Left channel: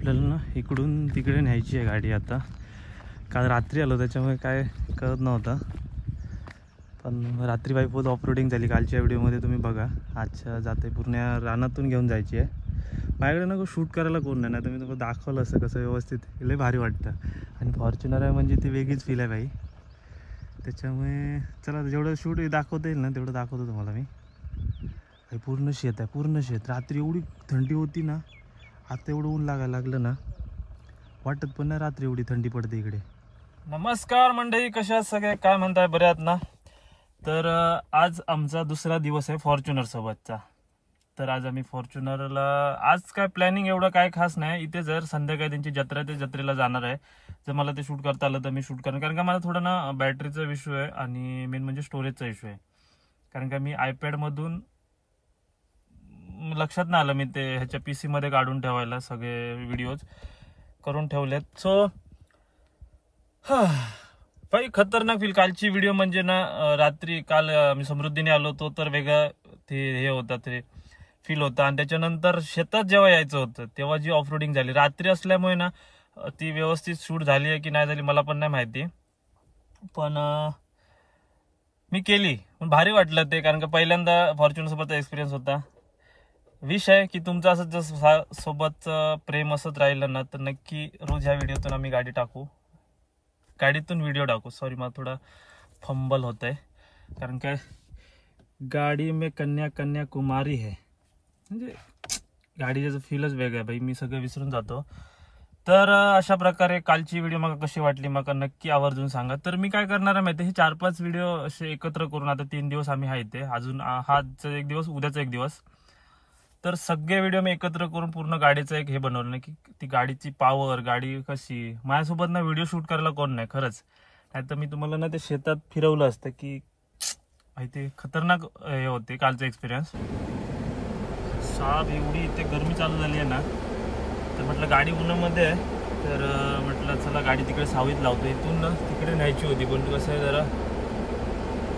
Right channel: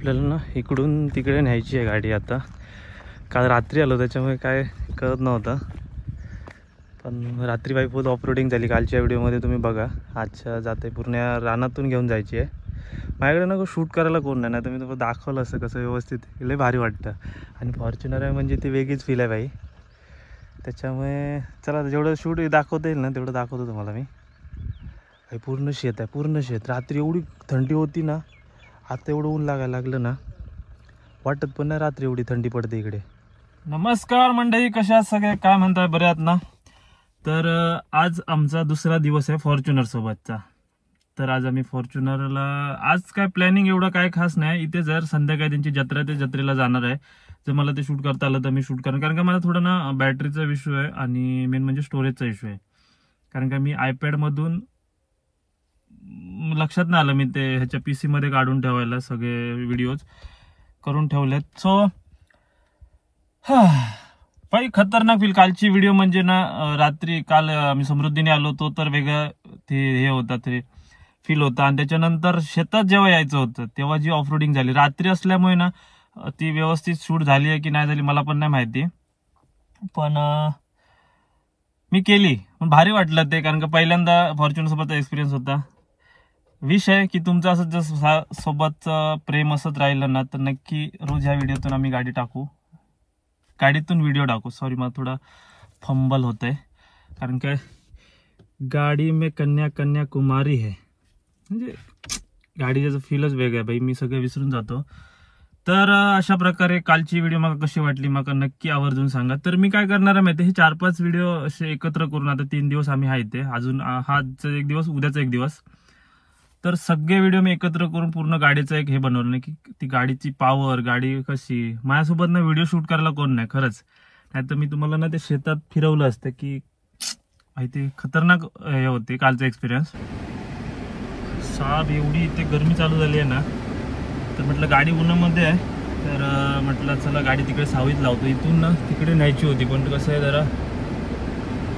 आपल्याला ना इकडून तिकडे न्यायची आहे गाडी. आता काल रात्री आलो त्याच्यामुळे काय कळत नव्हतं, पण रात्री बाईपोत ऑफरोडिंग झाली कालच्या व्हिडिओमध्ये तुम्ही बघा. आजच्या जाते पूर्ण रानातून घेऊन जायची आहे. माझ्याकडे ना शूट करायला कोण नाही, नाही तर मी तुम्हाला दाखवलं असं कसं व्यवस्थित लय भारी वाटतं. आणि फॉर्च्युनर आहे म्हणजे ती वेगळीच फील आहे बाई. त्याच्यामुळे चला जेवढं शूट दाखवता येईल ना तेवढं दाखवतो तुम्हाला मी. काही पूर्ण शेत आहे, पूर्ण शेत. रात्री एवढी थंडी होती ना, आता एवढं ऊन लागायला लागलं ना, वाटत पण नाही रात्री एवढी थंडी पडते इकडे. नमस्कार मंडळी, कशा सगळे, काय म्हणताय, बरे आहात ना? तर आज आमचा दुसरा दिवस आहे फॉर्च्युनर सोबतचा. तर आज आम्ही फॉर्च्युनरला, आज काय प्लॅनिंग एवढं काय खास नाही. इथे जर संध्याकाळी त्यांची जत्रा, ते जत्रेला जाणार आहे. जर मला ते शूट करता आलं तर मी शूट करेन, कारण का मला थोडं ना बॅटरीचा इश्यू आहे आणि मेन म्हणजे स्टोरेजचा इश्यू आहे. कारण का मी आयपॅडमधून लक्षात नाही आलं मी ते ह्याच्या PC मध्ये काढून ठेवायला सगळे व्हिडिओज करून ठेवलेत. सो भाई खतरनाक फील. कालची व्हिडिओ म्हणजे ना रात्री काल आम्ही समृद्धीने आलो होतो तर वेगळं ते हे होतं, ते फील होतं. आणि त्याच्यानंतर शेतात जेव्हा यायचं होतं तेव्हा जी ऑफरोडिंग झाली रात्री असल्यामुळे ना, ती व्यवस्थित शूट झाली आहे की नाही झाली मला पण नाही माहिती, पण मी केली, पण भारी वाटलं ते. कारण का पहिल्यांदा फॉर्च्युनर सोबतचा एक्सपिरियन्स होता. विषय की तुमचं असं जसं सोबतचं प्रेम असत राहिलं ना तर नक्की रोज ह्या व्हिडिओतून आम्ही गाडीतून व्हिडिओ टाकू. सॉरी मला थोडा फंबल होत आहे, कारण काय गाडी में कन्याकुमारी है, म्हणजे गाडीचं फीलच वेगळं आहे बाई. मी सगळं विसरून जातो. तर अशा प्रकारे कालची व्हिडिओ मला कशी वाटली मला नक्की आवर्जून सांगा. तर मी काय करणार आहे माहिती, हे 4-5 व्हिडिओ असे एकत्र करून, आता 3 दिवस आम्ही आहे इथे, अजून हाचा एक दिवस, उद्याचा एक दिवस, तर सगळे व्हिडिओ मी एकत्र करून पूर्ण गाडीचं एक हे बनवलं नाही की ती गाडीची पॉवर, गाडी कशी. माझ्यासोबत ना व्हिडिओ शूट करायला कोण नाही खरंच. नाही तर मी तुम्हाला ना ते शेतात फिरवलं असतं की माहिती, खतरनाक हे होते कालचा एक्सपिरियन्स. साब एवढी इथे गरमी चालू झाली आहे ना, तर म्हटलं गाडी उन्हामध्ये आहे, तर म्हटलं चला गाडी तिकडे सावलीत लावतो. इथून ना तिकडे न्यायची होती, पण कसं आहे जरा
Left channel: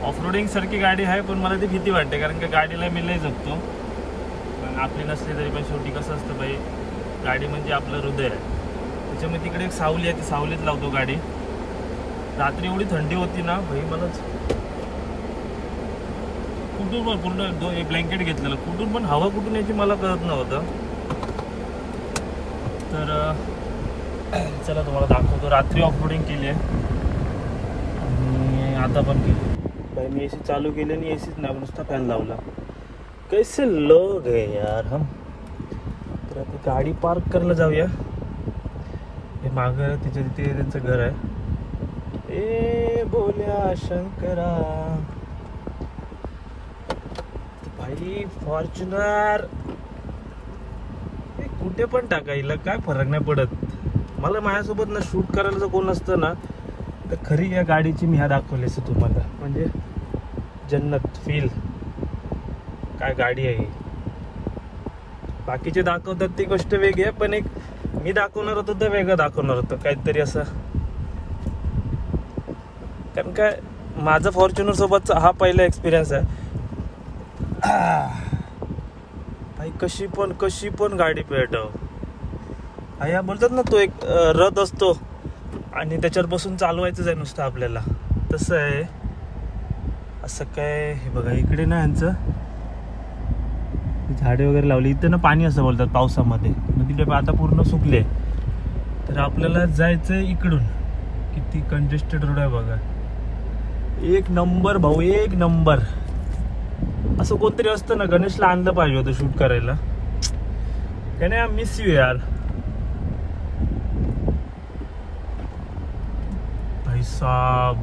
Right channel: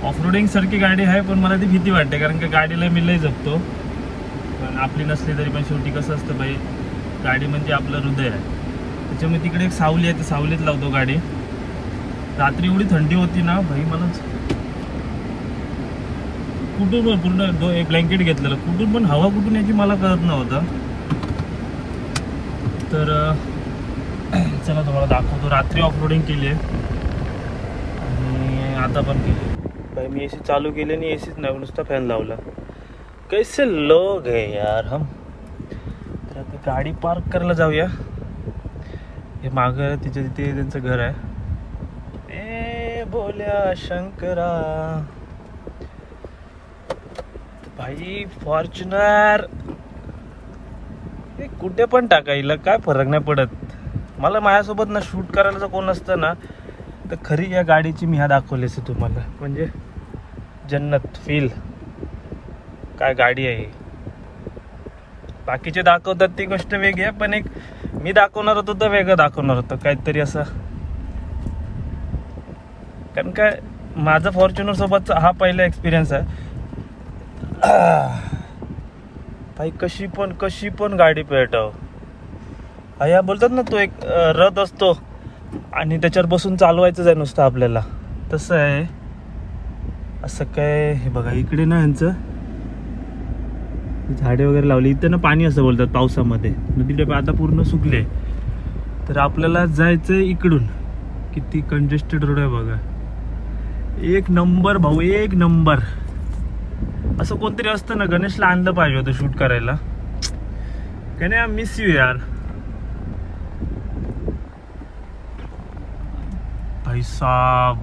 ऑफरोडिंग सारखी गाडी आहे, पण मला ती भीती वाटते. कारण का गाडीला मी लय जपतो, पण आपली नसली तरी पण शेवटी कसं असतं बाई, गाडी म्हणजे आपलं हृदय आहे. त्याच्यामुळे तिकडे एक सावली आहे, ती सावलीत लावतो गाडी. रात्री एवढी थंडी होती ना भाई, मला कुठून पण पूर्ण एक ब्लँकेट घेतलेलं, कुठून पण हवा कुठून याची मला कळत नव्हतं. तर चला तुम्हाला दाखवतो. रात्री ऑफरोडिंग केली आहे आणि आता पण केली भाई. मी AC चालू केली आणि ACच नाही, नुसतं फॅन लावला. कैसे लोग है यार हम. तर आता गाडी पार्क करायला जाऊया. हे मागं तिथे त्यांचं घर आहे. ए बोल्या शंकरा भाई, फॉर्च्युनर कुठे पण टाकायला काय फरक नाही पडत मला. माझ्यासोबत ना शूट करायला जर कोण असतं ना, तर खरी या गाडीची मी दाखवली असते तुम्हाला. म्हणजे जन्नत फील काय गाडी आहे. बाकीचे दाखवतात ती गोष्ट वेगळी आहे, पण एक मी दाखवणार होतो तर वेगळं दाखवणार होतं काहीतरी असं. कारण काय माझा फॉर्च्युनर सोबतचा हा पहिला एक्सपिरियन्स आहे भाई. कशी पण गाडी पेटव. या बोलतात ना, तो एक रथ असतो आणि त्याच्यावर बसून चालवायचंच आहे नुसतं आपल्याला, तसं आहे. असं काय, हे बघा इकडे ना यांचं झाडे वगैरे लावली. इथं ना पाणी असं बोलतात पावसामध्ये, नदीचे आता पूर्ण सुकले. तर आपल्याला जायचंय इकडून. किती कंजेस्टेड रोड आहे बघा. एक नंबर भाऊ, एक नंबर. असं कोणतरी असतं ना, गणेशला आणलं पाहिजे होतं शूट करायला. काय नाही, मिस यू यार भाई साहब.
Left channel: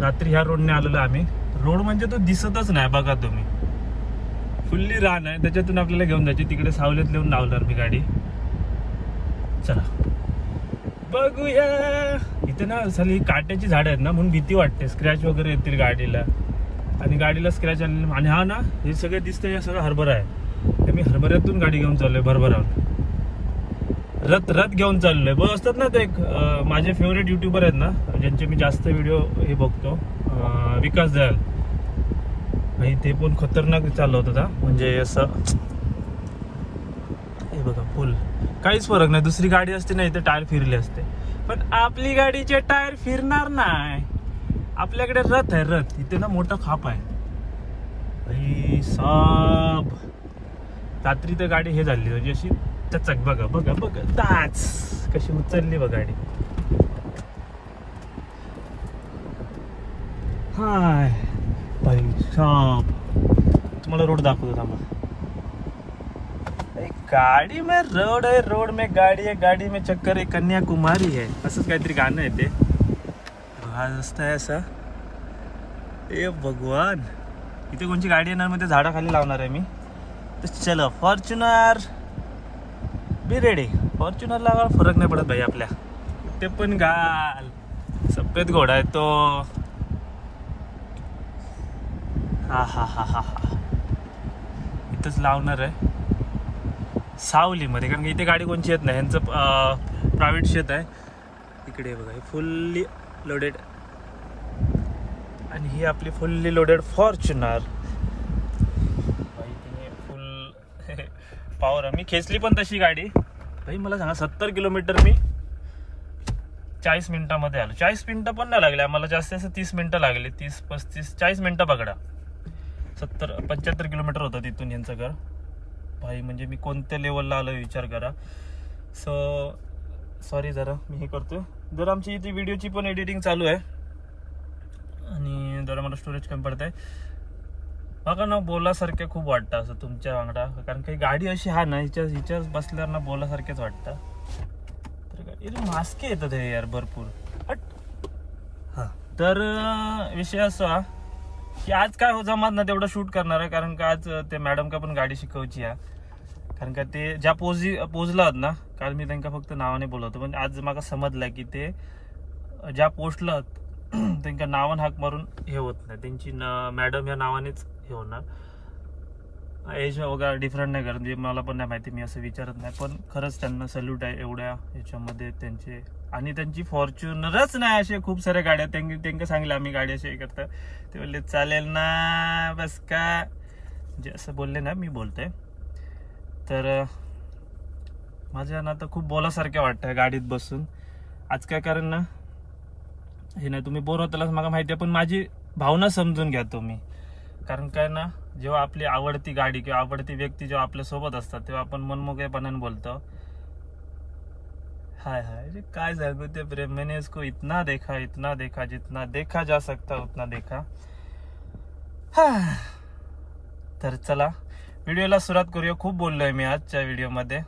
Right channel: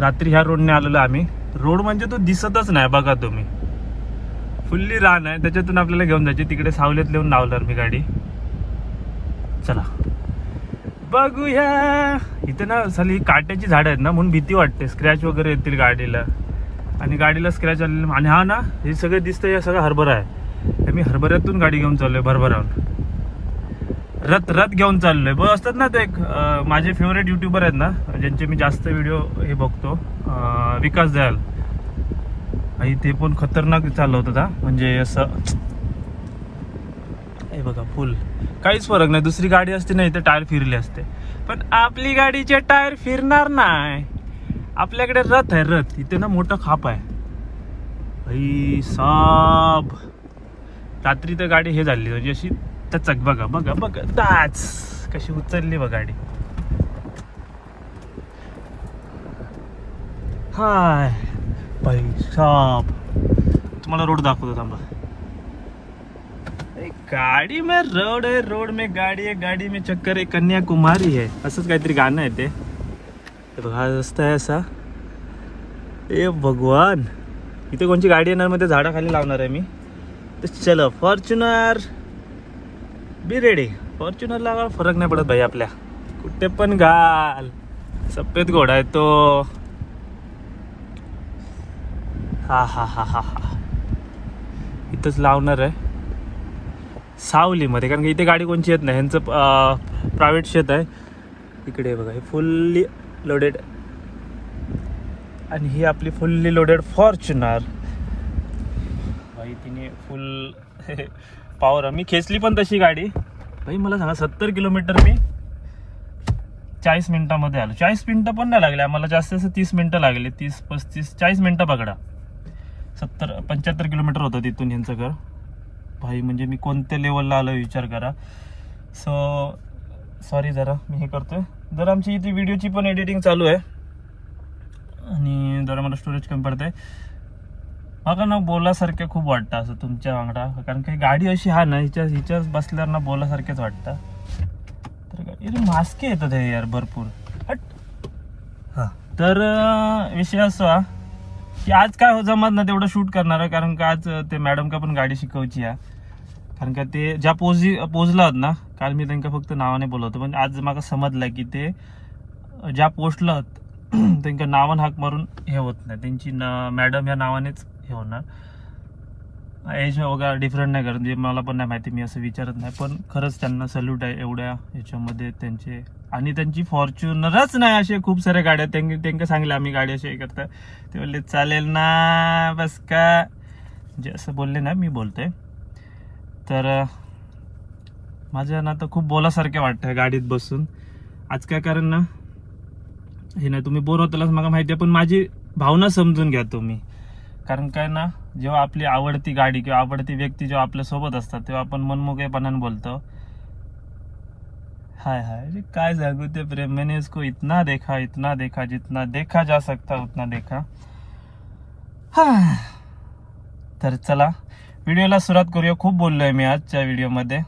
रात्री ह्या रोडने आलेलो आम्ही. रोड म्हणजे तो दिसतच नाही बघा तुम्ही, फुल्ली रान आहे. त्याच्यातून आपल्याला घेऊन जायचे. तिकडे सावलीत लिहून लावणार मी गाडी. चला बघूया. इथे ना साली काट्याची झाड आहेत ना, म्हणून भीती वाटते स्क्रॅच वगैरे येतील गाडीला. आणि गाडीला स्क्रॅच आलेला. आणि हा ना, हे सगळं दिसतं, हे सगळं हरभरा आहे. मी हरभऱ्यातून गाडी घेऊन चाललोय, भरभरावून रथ घेऊन चाललोय. बघ असतात ना ते एक माझे फेवरेट युट्यूबर आहेत ना, ज्यांचे मी जास्त व्हिडिओ हे बघतो, विकास दयाल भाई. ते पण खतरनाक चालवत होता, म्हणजे असं हे बघा फुल, काहीच फरक नाही. दुसरी गाडी असते ना इथे टायर फिरले असते, पण आपली गाडीचे टायर फिरणार नाही. आपल्याकडे रथ आहे, रथ. इथे ना मोठा खाप आहे भाई साब. रात्री तर गाडी हे झाली म्हणजे अशी टचक. बघा बघा बघा दाच कशी उचलली बघ गाडी. हाय भाई साब, तुम्हाला रोड दाखवतो थांबा. गाडी में रोड है, रोड में गाड़ी है, गाड़ी में चक्कर है, कन्याकुमारी है, असंच काहीतरी गाणं आहे ते. हा रस्ता आहे असा. ए भगवान, इथे कोणची गाडी येणार मध्ये झाडाखाली लावणार आहे मी. तर चलो फॉर्च्युनर बी रेडी. फॉर्च्युनर लावा फरक नाही पडत भाई आपल्या, कुठे पण घाल. सफेद घोडा आहे तो. हा हा हा हा हा, इथंच लावणार आहे सावलीमध्ये, कारण की इथे गाडी कोणची येत नाही. ह्यांचं प्रायव्हेट शेत आहे. इकडे बघा हे फुल्ली लोडेड, आणि ही आपली फुल्ली लोडेड फॉर्च्युनर भाई. तिने फुल पॉवर. मी खेचली पण तशी गाडी भाई. मला सांगा 70 किलोमीटर मी 40 मिनिटामध्ये आलो. 40 मिनिटं पण नाही लागले आम्हाला, जास्त जास्त 30 मिनिटं लागली. 30 35 40 मिनिटं पकडा. 75 किलोमीटर होतं तिथून यांचं घर भाई. म्हणजे मी कोणत्या लेवलला आलो विचार करा. सॉरी जरा मी हे करतोय. जर आमची इथे व्हिडिओची पण एडिटिंग चालू आहे आणि जरा मला स्टोरेज कमी पडत आहे. मला ना बोलासारख्या खूप वाटतं असं तुमच्या वांगडा, कारण काही गाडी अशी हा ना हिच्या बसल्यावर ना बोलासारख्याच वाटतं. तर मास्के येतात हे यार भरपूर. हां, तर विषय असा की आज काय जमत ना तेवढं शूट करणार आहे, कारण का आज ते मॅडम का पण गाडी शिकवची आहे. कारण का ते ज्या पोचला ना, काल मी त्यांना फक्त नावाने बोलवतो, पण आज मला समजलं की ते ज्या पोचला त्यांच्या नावाने हाक मारून हे होत नाही. त्यांची मॅडम या नावानेच हे होणार. एज वगैरे डिफरंट नाही करत, म्हणजे मला पण नाही माहिती, मी असं विचारत नाही. पण खरंच त्यांना सल्यूट आहे एवढ्या ह्याच्यामध्ये त्यांचे. आणि त्यांची फॉर्च्युनरच नाही, असे खूप साऱ्या गाड्या. त्यांना सांगले आम्ही गाडी अशी हे करता, ते बोलले चालेल ना बस का, जे असं बोलले ना मी बोलतोय. तर माझ्या ना तर खूप बोलासारख्या वाटतं गाडीत बसून आज. काय कारण ना हे नाही, तुम्ही बोर होतालच मला माहिती आहे, पण माझी भावना समजून घ्या तुम्ही. कारण काय ना, जेव्हा आपली आवडती गाडी किंवा आवडती व्यक्ती जेव्हा आपल्या सोबत असतात तेव्हा आपण मनमोकळेपणाने बोलतो. हाय हाय काय सांगू ते प्रेम. मैंने इसको इतना देखा जितना देखा जा सकता उतना देखा. तर चला व्हिडिओला सुरुवात करूया. खूप बोललोय मी आजच्या व्हिडिओमध्ये,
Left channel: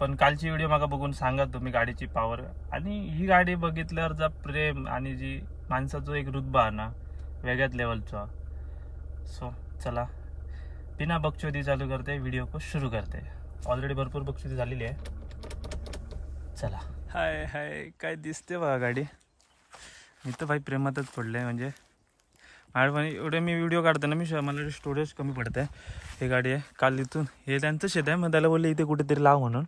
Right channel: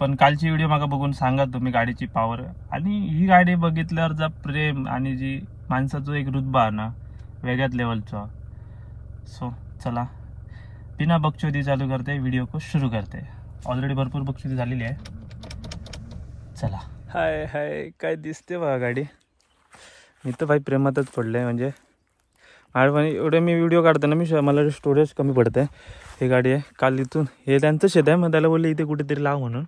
पण कालची व्हिडिओ मागा बघून सांगा तुम्ही गाडीची पॉवर. आणि ही गाडी बघितल्यावर जा प्रेम आणि जी माणसाचा एक रुतबा ना वेगळ्याच लेवलचा. सो चला बिना बकचोदी चालू करते, व्हिडिओ को सुरू करते. ऑलरेडी भरपूर बकचोदी झालेली आहे. चला. हाय हाय काय दिसते बघा गाडी. मी तर भाई प्रेमातच पडले. म्हणजे एवढे मी व्हिडिओ काढताना मला स्टोरेज कमी पडतं आहे. हे गाडी आहे काल इथून, हे त्यांचं शेत आहे, मग त्याला बोलले इथे कुठेतरी लाव म्हणून.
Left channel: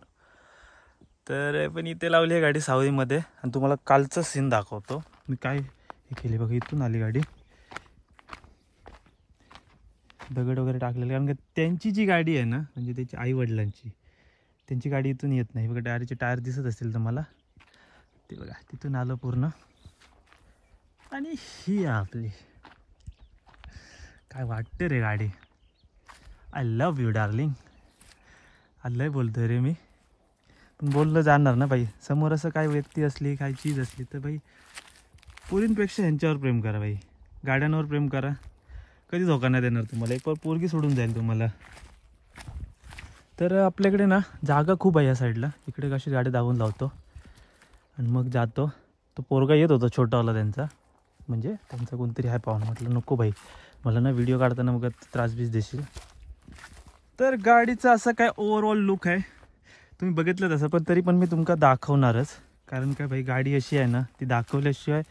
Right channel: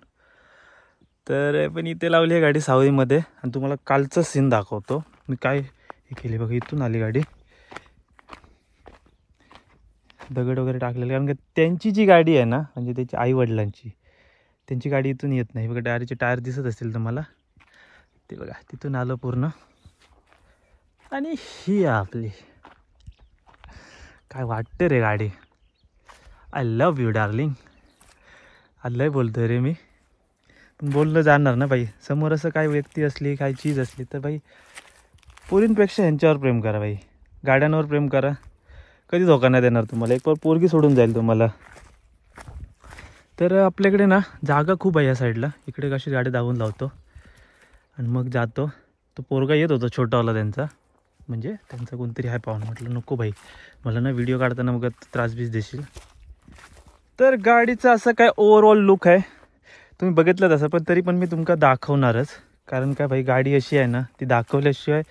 तर पण इथे लावली आहे गाडी सावलीमध्ये. आणि तुम्हाला कालचं सीन दाखवतो मी काय हे केली बघा. इथून आली गाडी, दगड वगैरे टाकलेले, कारण की त्यांची जी गाडी आहे ना, म्हणजे त्याची आई वडिलांची, त्यांची गाडी इथून येत नाही बघा. गाडीचे टायर दिसत असतील तुम्हाला ते बघा. तिथून आलं पूर्ण. आणि ही आपली काय वाटते रे गाडी. I love you darling. लय बोलतोय रे मी, पण बोललं जाणार ना बाई. समोर असं काय व्यक्ती असली, काय चीज असली तर बाई पोरींपेक्षा ह्यांच्यावर प्रेम करा बाई. गाड्यांवर प्रेम करा, कधी धोका नाही देणार तुम्हाला. एक पोरगी सोडून जाईल तुम्हाला. तर आपल्याकडे ना जागा खूप आहे या साईडला. इकडे कशी गाडी धावून लावतो आणि मग जातो. तो पोरगा येत होता छोटावाला त्यांचा, म्हणजे त्यांचा कोणतरी आहे पाहुणा. म्हटलं नको बाई, मला ना व्हिडिओ काढताना मग त्रास बीस देशील. तर गाडीचा असं काय ओव्हरऑल लुक आहे तुम्ही बघितलं तसं, पण तरी पण मी तुमका दाखवणारच. कारण काय भाई गाडी अशी आहे ना, ती दाखवल्याशिवाय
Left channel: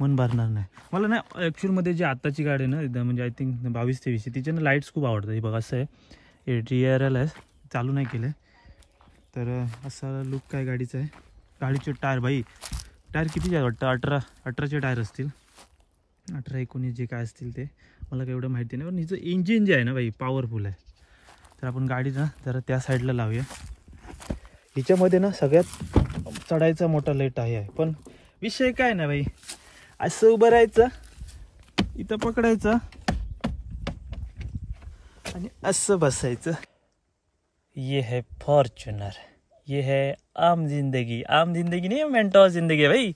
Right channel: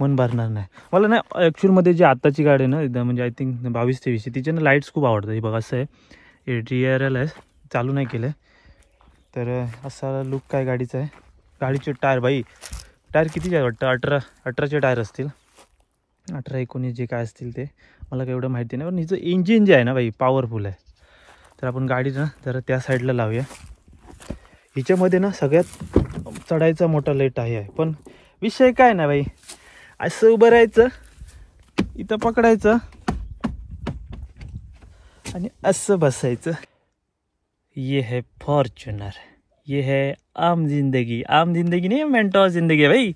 मन भरणार नाही मला. ना ॲक्च्युअलमध्ये जी आत्ताची गाडी आहे ना, म्हणजे आय थिंक 22-23, तिचे ना लाईट्स खूप आवडतात. हे बघा असं आहे, DRL आहे, चालू नाही केलं. तर असा लुक काय गाडीचा आहे. गाडीचे टायर भाई, टायर किती आहे वाटतं 18चे टायर असतील, 18-19 जे काय असतील ते मला काही एवढं माहिती नाही. पण हिचं इंजिन जे आहे ना भाई पॉवरफुल आहे. तर आपण गाडी ना जरा त्या साईडला लावूया. हिच्यामध्ये ना सगळ्यात चढायचा मोठा लय टाय आहे. पण विषय काय ना भाई, असं उभं राहायचं, इथं पकडायचं आणि असं बसायचं. ये है फॉर्च्यूनर, ये है आम जिंदगी. आम जिंदगी नहीं, मेंटोर जिंदगी है भाई.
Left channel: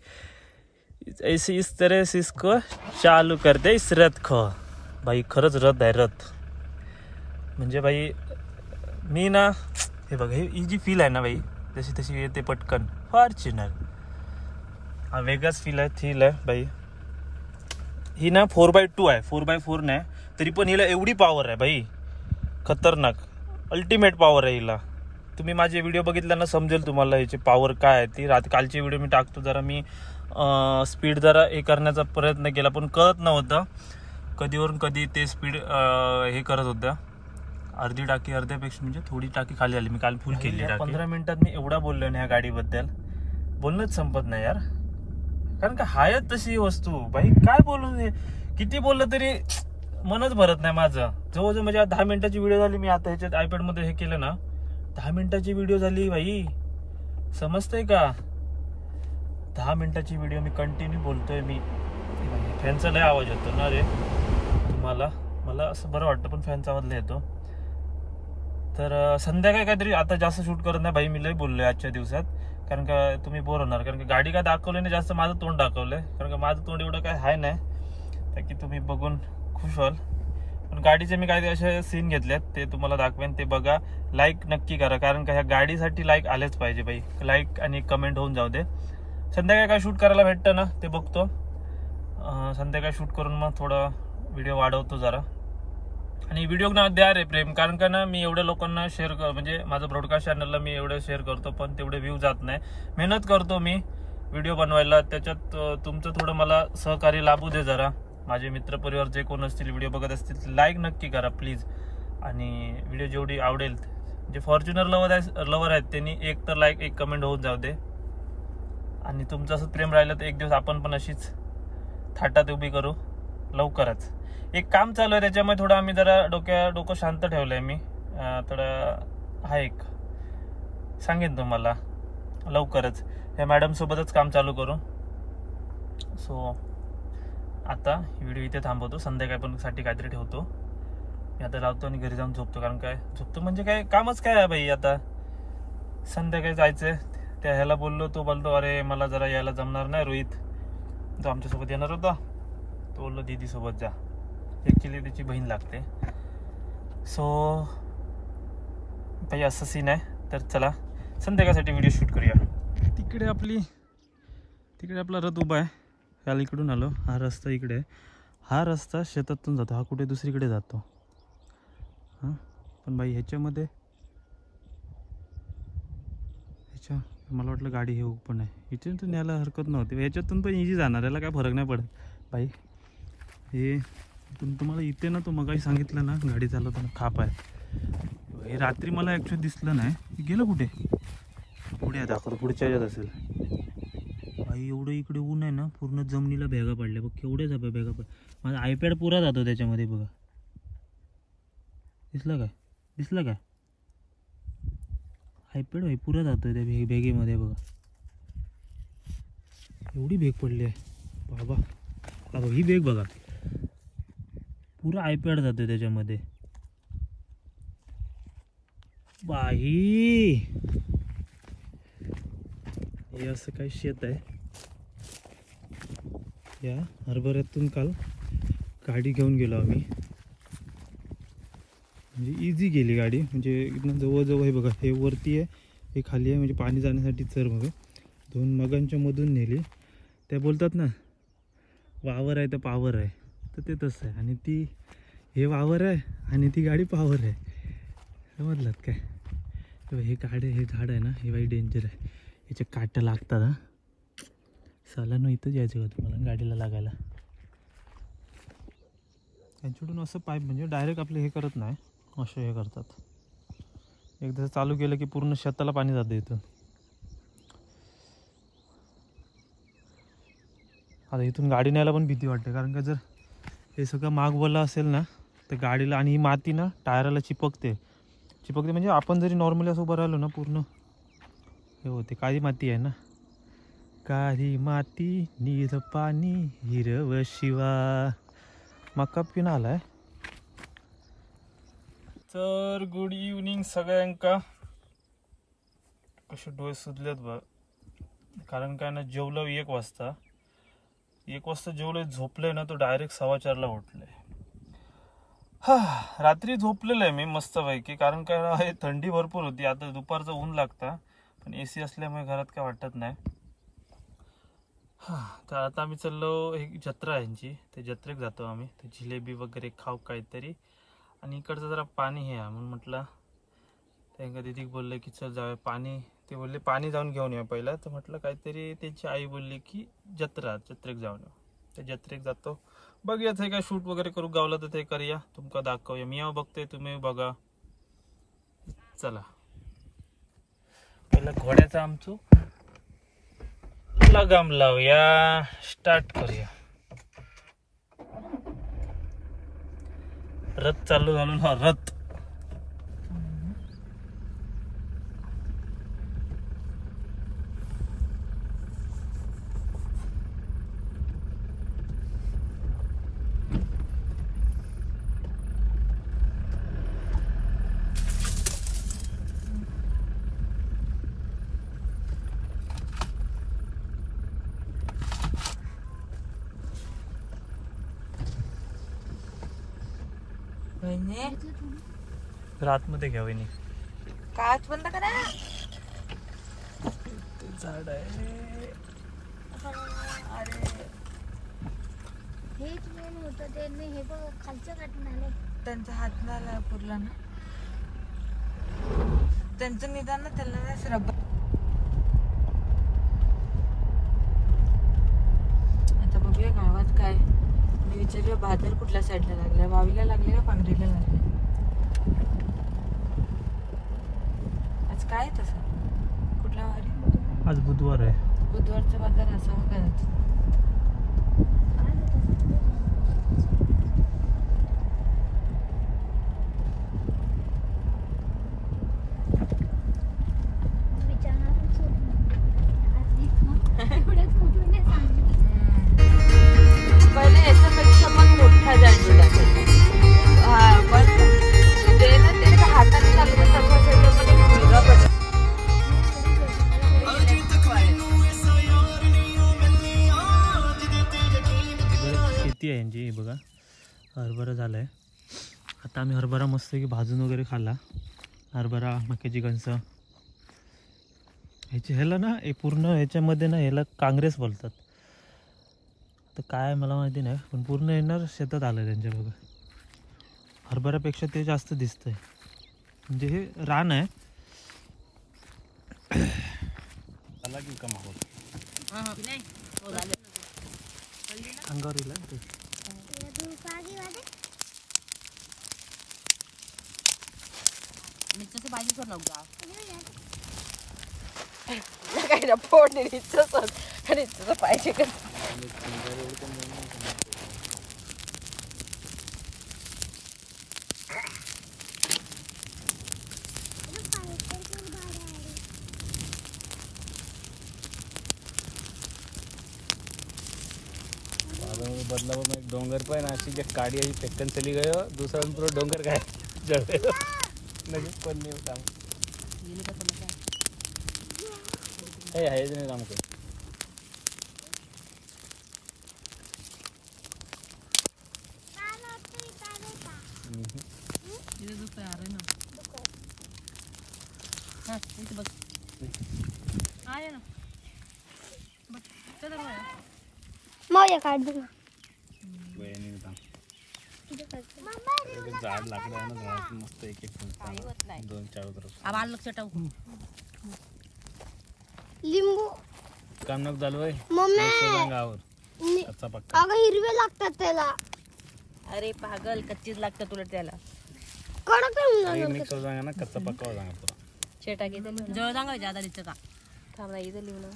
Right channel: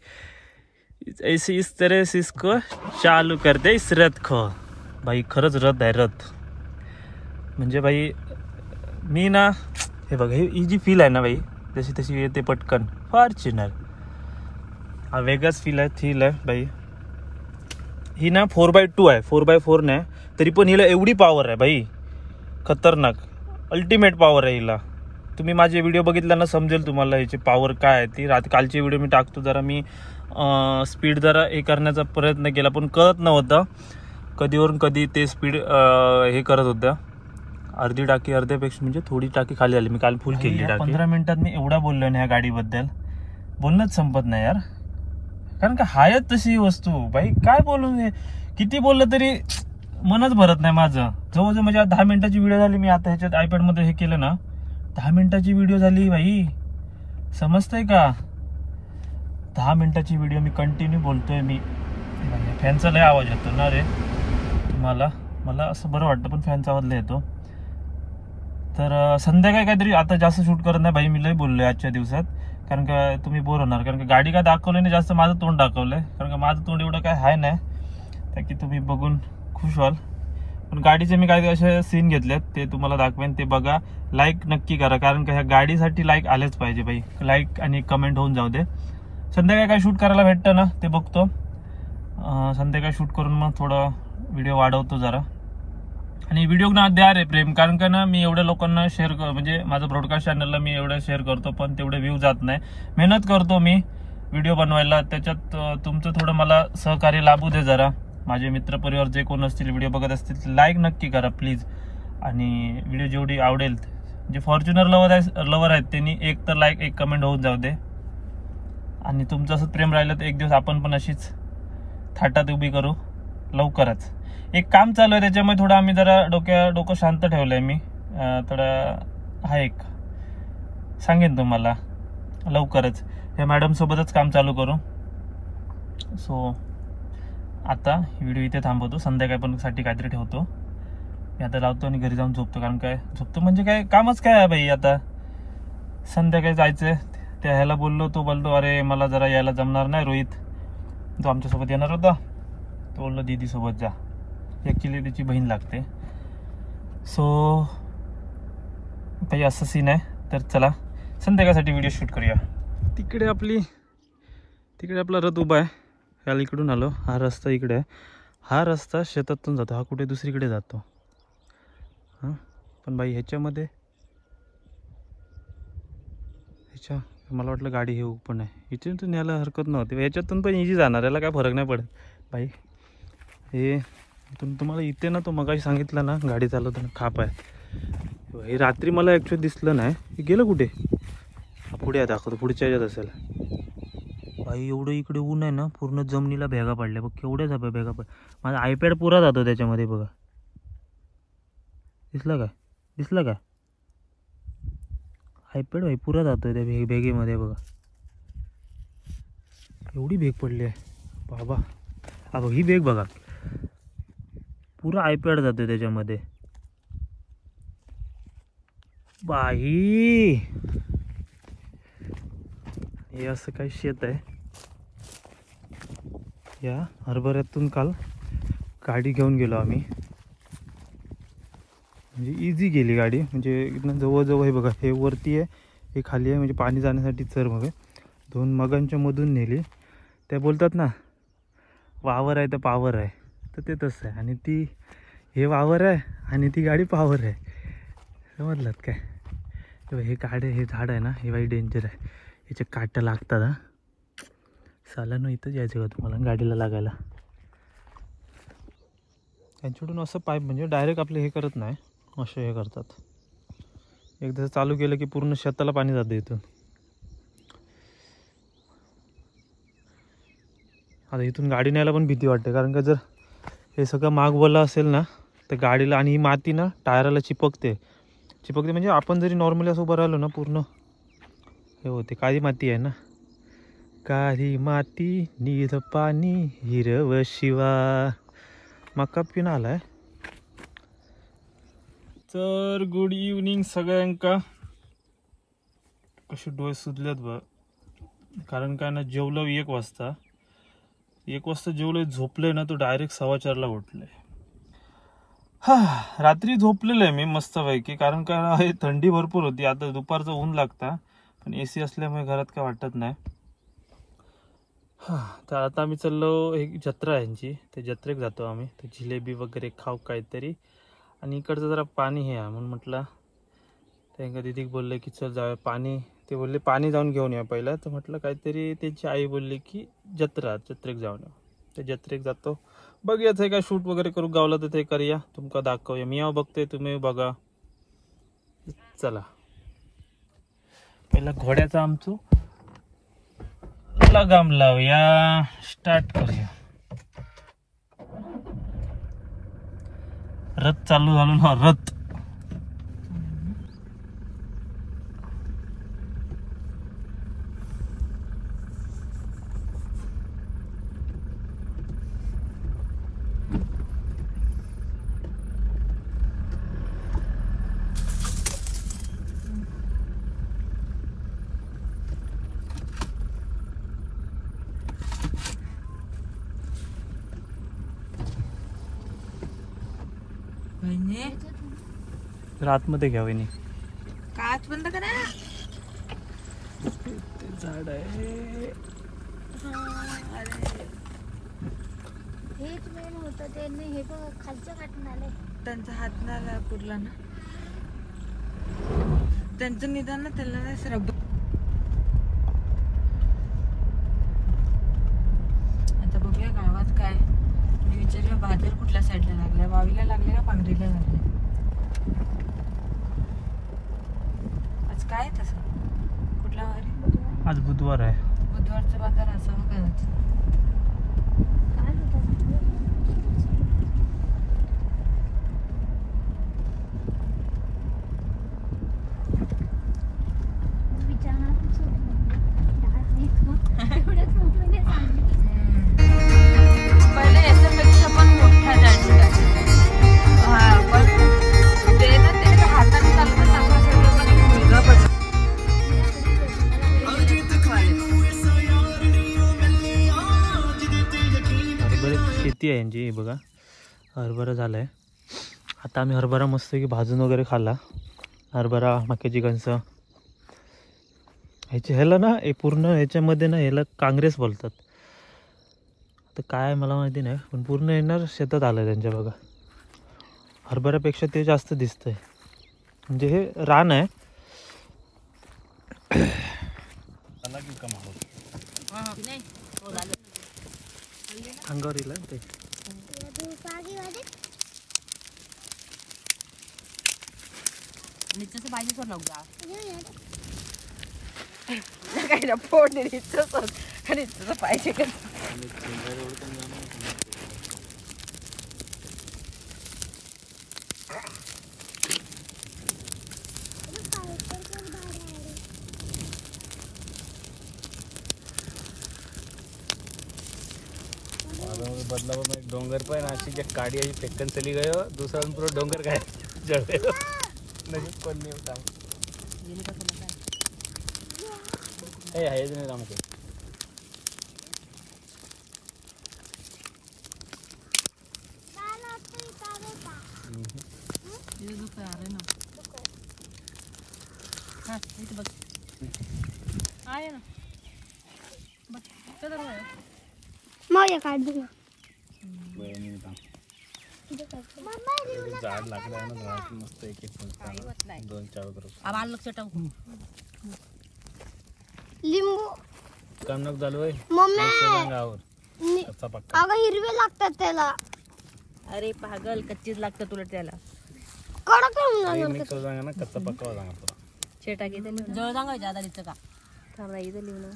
ऐसे इस तरह से इसको चालू करते इस रथ को. भाई खरंच रथ आहे रथ. म्हणजे भाई मी ना, हे बघा ही जी फील आहे ना भाई, जशी तशी येते पटकन. फॉर्च्यूनर हा वेगळाच फील आहे भाई. ही ना 4x2 आहे, 4x4 नाही, तरी पण हिला एवढी पॉवर आहे भाई, खतरनाक अल्टिमेट पॉवर आहे हिला. तुम्ही माझे व्हिडिओ बघितला ना समजेल तुम्हाला ह्याची पॉवर काय आहे ती. कालचे व्हिडिओ मी टाकतो, जरा मी स्पीड जरा हे करण्याचा प्रयत्न केला, पण कळत नव्हतं कधीवरून कधी ते स्पीड हे करत होतं. अर्धी टाकी अर्ध्यापेक्षा म्हणजे थोडी टाकी खाली आली. मी काल फुल केली टाकी. 15 मिनिटात मी एवढा बोललो ना ह्या गाडीबद्दल, बोलणंच संपत नाही यार. कारण का हायच तशी वस्तू भाई, काय बोलू, किती बोललं तरी मनच भरत नाही माझं. जवळजवळ म्हणजे 10 मिनिटाची व्हिडिओ झाली. मी आता ह्याच्यात आयपॅड मध्ये हे केलं ना, 10 मिनिटाची व्हिडिओ झाली भाई, समजतंय का? 10 मिनिटाची व्हिडिओ मी कंटिन्यू बोलतोय. मी फॅनचा लय आवाज येतो ना रे तुम्हाला, मला असं बरं वाटतं, पण फॅनचा आवाज लय येतो. तर संध्याकाळी काहीतरी आता जास्त शूट करत नाही भाई, मी लय बोललोय आजच्या दिवसात, कारण का तुम्ही बोर होणार. कारण का गाडी काय दाखवली नाही, जास्त माझं तोंड दाखवलंय, कारण का माझं तोंड एवढं काय हाय नाही, त्या की तुम्ही बघून खुश व्हाल. पण गाडीचे मी काही असे सीन घेतलेत, ते तुम्हाला दाखवेन, ते बघा. लाईक नक्की करा, कारण का ह्या गाडीसाठी लाईक आलेच पाहिजे भाई. लाईक आणि कमेंट होऊन जाऊ दे. संध्याकाळी काय शूट करायला भेटतं ना ते बघतो. संध्याकाळी शूट करून मग थोडं व्हिडिओ वाढवतो जरा. आणि व्हिडिओ ना द्या रे प्रेम, कारण का ना मी एवढ्या लोकांना शेअर म्हणजे माझं ब्रॉडकास्ट चॅनलला मी एवढं शेअर करतो, पण तेवढे व्ह्यू जात नाही. मेहनत करतो मी व्हिडिओ बनवायला, त्याच्यात तुमचं थोडं मला सहकार्य लाभू दे जरा. माझे मित्र परिवार जे कोण असतील व्हिडिओ बघत असतील, लाईक नक्की करा प्लीज. आणि व्हिडिओ जेवढी आवडेल, जे फॉर्च्युनर लवर आहेत त्यांनी एक तर लाईक एक कमेंट होऊन जाऊ दे. आणि तुमचं असं प्रेम राहिलं तर एक दिवस आपण पण अशीच थाटात उभी करू लवकरच. एक काम चालू आहे, त्याच्यामुळे थोडं आम्ही जरा डोकं शांत ठेवलंय मी. थोडं हा एक सांगेन तुम्हाला लवकरच. या मॅडम सोबतच काम चालू करू. सो आता व्हिडिओ इथे थांबवतो, संध्याकाळी पण साठी काहीतरी ठेवतो. मी आता लावतो आणि घरी जाऊन झोपतो, कारण काय झोपतो म्हणजे काय कामच काय आहे भाई. आता संध्याकाळी जायचंय. त्या ह्याला बोललो, तो बोलतो अरे मला जरा यायला जमणार नाही, रोहित तो आमच्यासोबत येणार होता, तो बोललो दीदी सोबत जा, ॲक्च्युली त्याची बहीण लागते. सो काही असं सीन आहे. तर चला संध्याकाळसाठी व्हिडिओ शूट करूया. तिकडे आपला रथ उभा आहे. याला इकडून आलो, हा रस्ता इकडे आहे. हा रस्ता शेतातून जातो, हा कुठे दुसरीकडे जातो. हां पण बाई ह्याच्यामध्ये मला वाटलं गाडी हे पण आहे, इथून यायला हरकत नव्हती. ह्याच्यातून पण इझी जाणार, याला काय फरक नाही पडत बाई. हे तुम्हाला इथे ना, तो मगाशी सांगितला ना गाडी चालवताना खाप आहे, हे रात्री मला ॲक्च्युअली दिसलं नाही. हे गेलं कुठे? पुढे दाखवतो, पुढच्या ह्याच्यात असेल भाई. एवढं इकडे ऊन आहे ना, पूर्ण जमिनीला भेगा पडल्या बघ, केवढ्या झाप्या भेगा माझा आयपॅड पुरा जातो त्याच्यामध्ये बघा. दिसलं काय आयपॅड भाई पुरा जातोय त्या भेगेमध्ये बघा. एवढी भेग पडली आहे बाबा. हा बघ ही भेग बघा, पुरा आयपॅड जातोय त्याच्यामध्ये बाई. हे असं काही शेत आहे. या हरभऱ्यातून काल गाडी घेऊन गेलो आम्ही, म्हणजे इझी गेली गाडी. म्हणजे इथनं जवळजवळ हे बघा, हे वरती आहे हे खाली आहे, म्हणजे पाणी जाण्यासाठी चर बघा. 2 मगांच्या मधून नेली. त्या बोलतात ना वावर आहे तर पावर आहे, तर ते तसं आहे. आणि ती हे वावर आहे आणि ती गाडी पावर आहे, समजलात काय? हे हे झाड आहे ना, हे बाई डेंजर आहे, याचे काटं लागतात. हा सालानं इथंच यायचं का तुम्हाला गाडीला लागायला? त्यांच्याकडून असं पाईप म्हणजे डायरेक्ट आपले हे करत नाही, असे हे करतात. एकदा चालू केलं की पूर्ण शेताला पाणी जातं इथून. आता इथून गाडी न्यायला पण भीती वाटते, कारण का जर हे सगळं मागवलं असेल ना तर गाडीला, आणि ही माती ना टायराला चिपकते म्हणजे आपण जरी नॉर्मली असं उभं राहिलो ना, पूर्ण हे होते काळी माती आहे ना, काळी माती नीर पाणी हिरव शिवा. मका पिऊन आलाय. तर गुड इव्हनिंग सगळ्यांका. कसे डोळे सुजलेत बघ, कारण काय ना जेवलं 1 वाजता. 1 वाजता जेवलं, झोपले ना तो डायरेक्ट 4:15ला उठले. हा, रात्री झोपलेलं आहे मी मस्तपैकी, कारण काय थंडी भरपूर होती. आता दुपारचं ऊन लागतं, पण AC असल्यामुळे घरात काय वाटत नाही. हा, तर आता आम्ही चाललो, एक जत्रा आहे यांची, ते जत्रेक जातो आम्ही. ते जिलेबी वगैरे खाऊ काहीतरी, आणि इकडचं जरा पाणी हे आहे म्हणून म्हटलं. त्यांना दीदी बोलले की चल जाऊया पाणी. ते बोलले पाणी जाऊन घेऊन या पहिला. तर म्हटलं काहीतरी त्यांची आई बोलली की जत्रेक जाऊन या. ते जत्रेक जातो, बघूया ते काय शूट वगैरे करू गावला तर ते करूया, तुमका दाखवूया. मी बघतोय, तुम्ही बघा. चला पहिला घोड्याचा आमचो लगाम लावूया, स्टार्ट करूया. रथ चालू झालो ना, रथ. आतमध्ये घ्या वहिनी. काच बंद करा. झाड आहे. त्यांचा हात ना पुरला ना, त्यांचं निदान ना त्याला ना रब्बर. आता बघूया गावात काय. मी विचारूया बाजार कुठल्या साईडला लागला, वावीला लागले का पांढरीला लागले. आज काय तसं कुठला वार आहे? आज बुधवार आहे. बुधवारचा बाजार असावा काय. शेती आहे यांची. बघा हरभरा झालाय. आता आम्ही हरभरा मस्त की भाजून वगैरे खाल्ला. हरभरा, मक्याची कणसं ह्याचे ह्याला ना पूर्ण ह्याच्यामध्ये ना ह्याला काँग्रेस बोलतात. तर काय मला माहिती नाही, पण पूर्ण येणार शेतात आलं त्यांच्या. बघा हरभऱ्यापेक्षा ते जास्त दिसतंय, म्हणजे हे रान आहे. अंगावर येईल ते. काय ना फोडणे पाहिजे का. बदलाव में डोंगर पर नाची जब गाड़ी आई फेंकन चली गयो, दूसरा हम पूरा डोंगर गए जड़े नहीं पन्नी उठा ए है नहीं काम को ये तो तैयार है ना. हां इथे बस आया ना बस चला रे मग काढ दूंगा. बहिणी काम झाड लागलं आहे ना, झाड मस्त एक एक 2-4 तरफ आवाज लक्ष टाकू. लिंबू कानक झालोय मम्मी गावावर कच्चा पक्का. अगं हिरवे लागतात त्याला. अरे पागल कच्चीच लागतं तुला त्याला. कडक आहे मिक्स हो जाएगा ना, कच्चा पक्का हो जाएगा पूरा. छेटा के जवळ जागा ज्यादा दिसतं का थांबा इथं लिहून.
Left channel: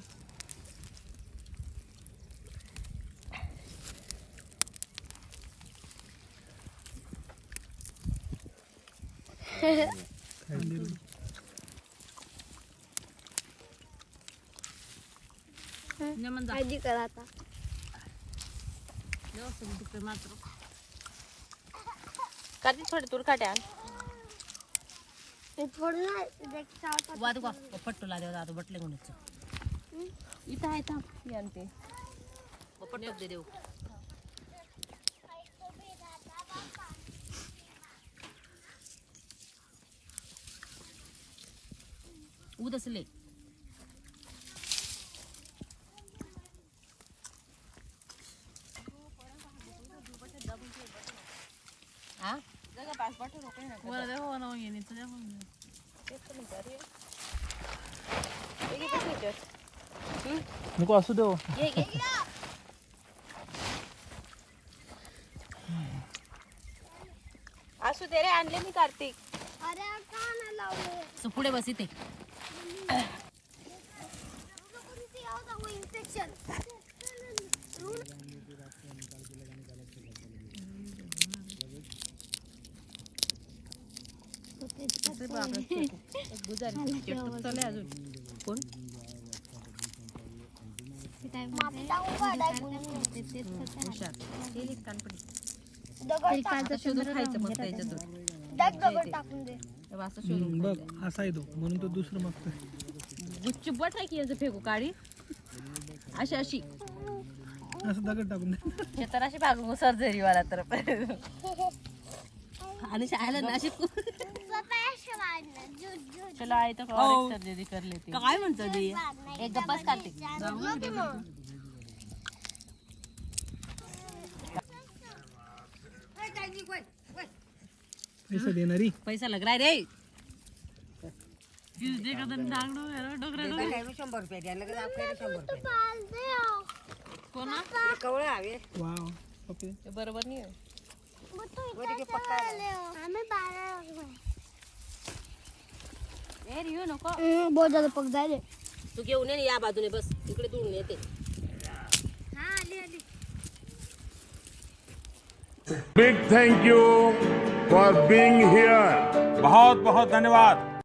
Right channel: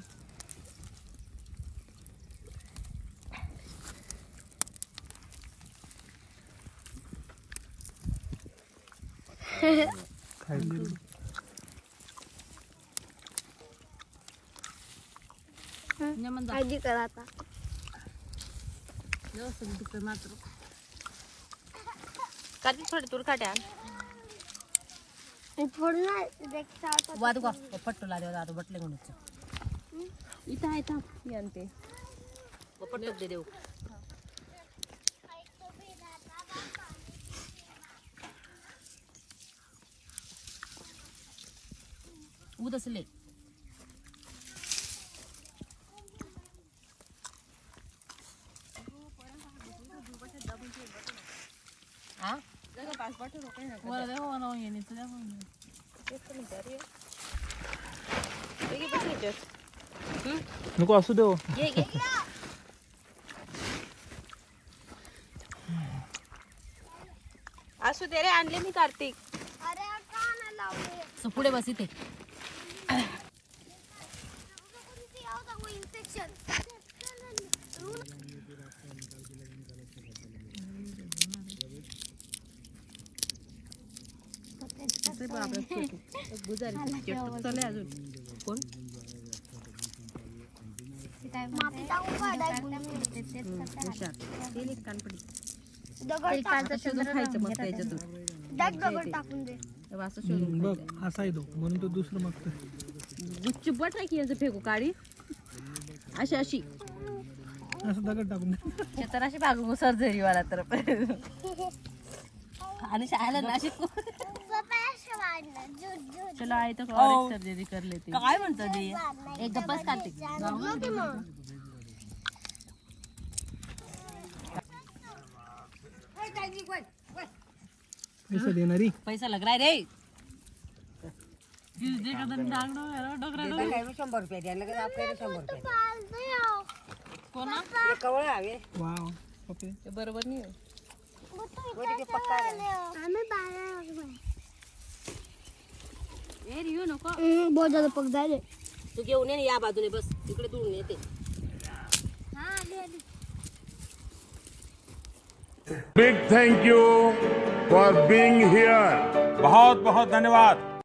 काळजी करा आता. काढी थोडी दूर काढ्या थोडं नाही देखता वादगा पट्टू लाले दादू बटले गुणीच इथं आहे थांब आणते पट्टू दे देऊ उदसले नको असू दे असू दे रे आणले मी कार्तिक अरे का नाही लावले पुढे बस इथे इन्फेक्शन दगड टाकून दे बघ असा आहे तो म्हणून तो दुसरं मागतो गुच्ची बट आहे की याचं फेकू काढी अशी अशी असं दगड टाकून दे तर अशी बागू सर्जरी वाला तर आणि शाळेला नाशिक चला आहे तर और सर्जरी कर लेते काय म्हणतो ते एक गप्पाच काढते पैसा देणारी पैसा लग रहा है रे 100 रुपये द्या लगेच आपल्याला 100 रुपये कोणा कवळ हवे वाव ओके ते बरोबर नाही वरी के पक्का आम्ही 12 ए रियो नको बहुत ज्यादा पक जाए तू घेऊन ये या बाजूने बस इकडे दूर येते हाँ आली आली Big thank you for being here. बहुत बहुत धन्यवाद।